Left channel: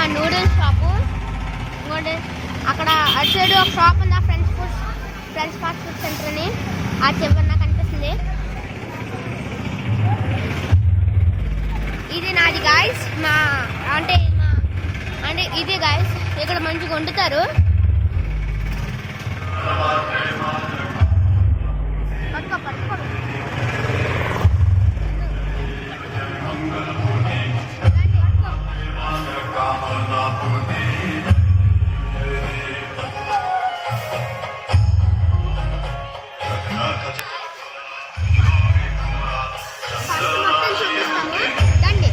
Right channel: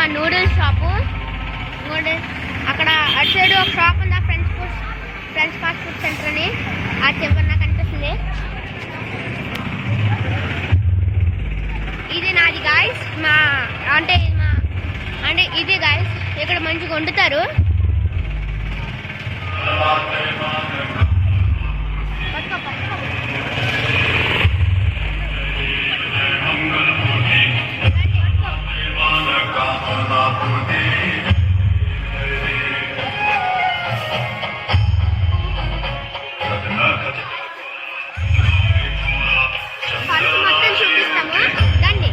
మా noodles shop. ఇంకోటి అక్కడ అటు సైడ్ ఒక షాప్ ఉంది, ఫ్రెండ్స్ ఫాస్ట్ ఫుడ్ సెంటర్ అని. ఆ చివరి నాకు కనిపిస్తుంది. ఇది నాది గాయస్. అంటే ఇది గాయస్, ఇక్కడ మంచిగా వండుతారు. మొత్తం చూపిస్తాము రండి.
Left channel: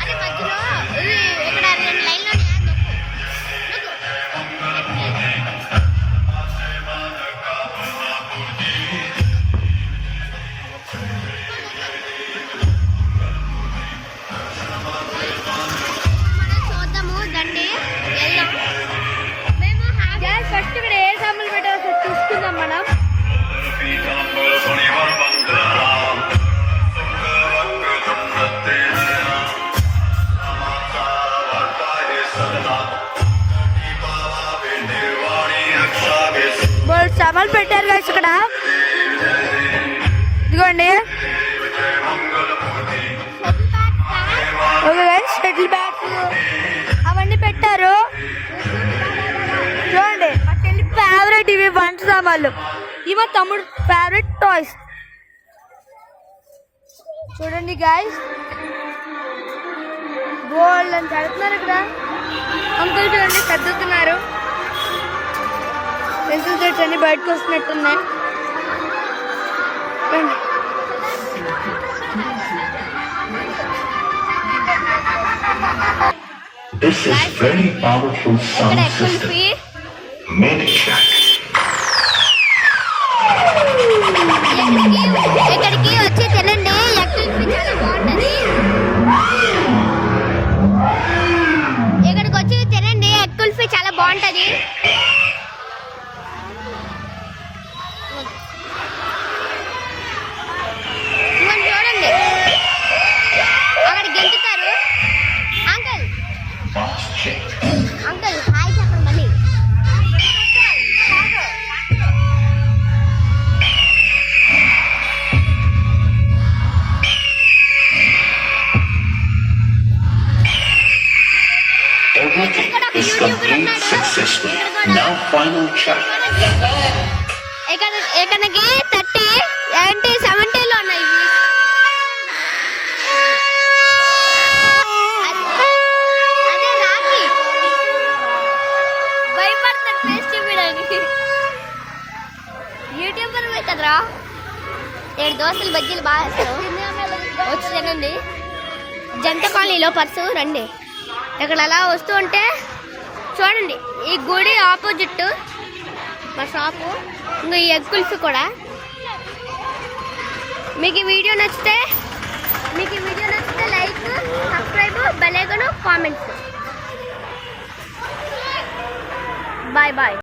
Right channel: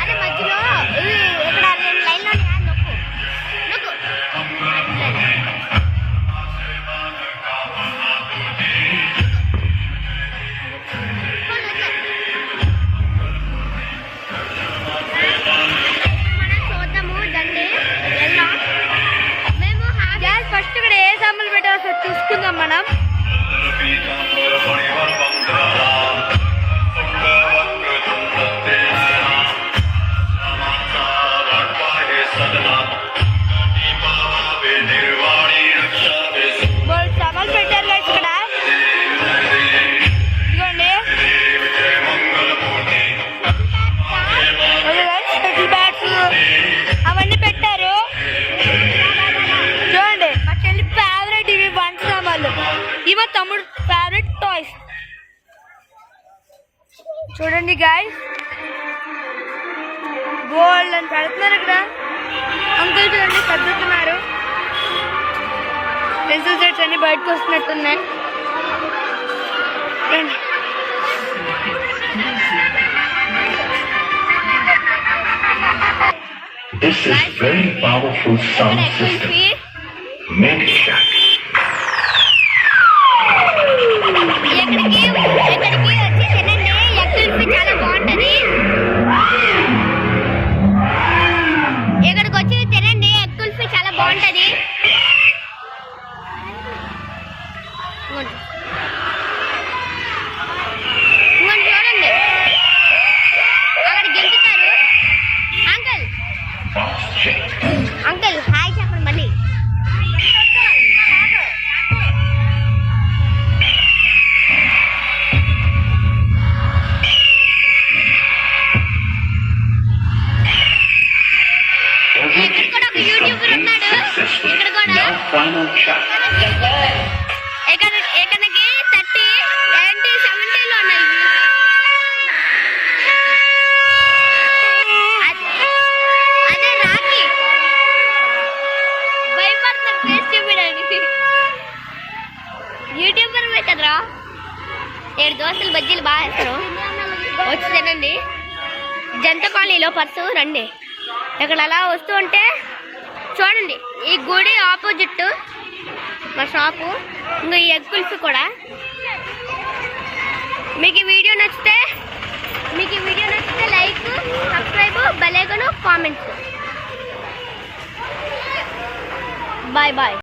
అదే మధ్యలో ఇక్కడ 2 లైన్లో నొక్కు. మనం చూద్దాము దండి. వెళ్దాం. మేము ఫస్ట్ ఇక్కడ ఏ సామాన్లు పెట్టాల్సి చూసుకుందాం మనం. సామాన్లు పెట్టారు కదా ఇక్కడ. ఇదిగోండి షటిల్ బ్యాట్స్ అవన్నీ పెట్టారు. చూడండి మా చెల్లి ఫేవరెట్ ఇవి వంట సామాన్లు. ఇవి మా తమ్ముడు ఫేవరెట్ టాయ్స్. చూడండి గాయస్, గోల్డ్ అని పెడుతున్నారు ఇక్కడ. అంకుల్ చూడండి సర్దుతున్నారు. పెన్సిల్ సెట్స్ అన్ని బయటకు వస్తున్నట్టున్నాయి. This is very powerful sound system. Make it shut. ఎక్కడికి వచ్చి తినండి. ఎక్కడికి చాలా బాగుంటది. ఇక్కడికి వచ్చి తినండి. ఎగ్ కుల్ఫీ చాలా బాగుంటది. చూడండి అక్కడ గెలుతున్నారు. అంకుల్ హాయ్ చెప్పండి మళ్ళీ. ఇక్కడ కూడా ఒక యూట్యూబర్ ఉన్నాడు. ఇక్కడ కూడా ఇక్కడికి 30 ఏంటి 70లో ఉన్నాయి. అదే రాకి భయపడుతున్నాడు ఫేస్ చూపించడానికి. యూట్యూబర్ కదరా. 7 దోశలు బజ్జీలు బాగా వేస్తారు. వచ్చి తినండి. జంట కాలనీలో పర్సు రండి. ఇక్కడ అలా వస్తూ ఉంటే చూడండి ఈ గుడి ఆపోజిట్ మా షాపు. ఇంకా ఈ ఎగ్ కుల్ఫీ కూడా. మీకు ఈ వీడియో నచ్చితే like, subscribe, bell icon, comments. Bye bye.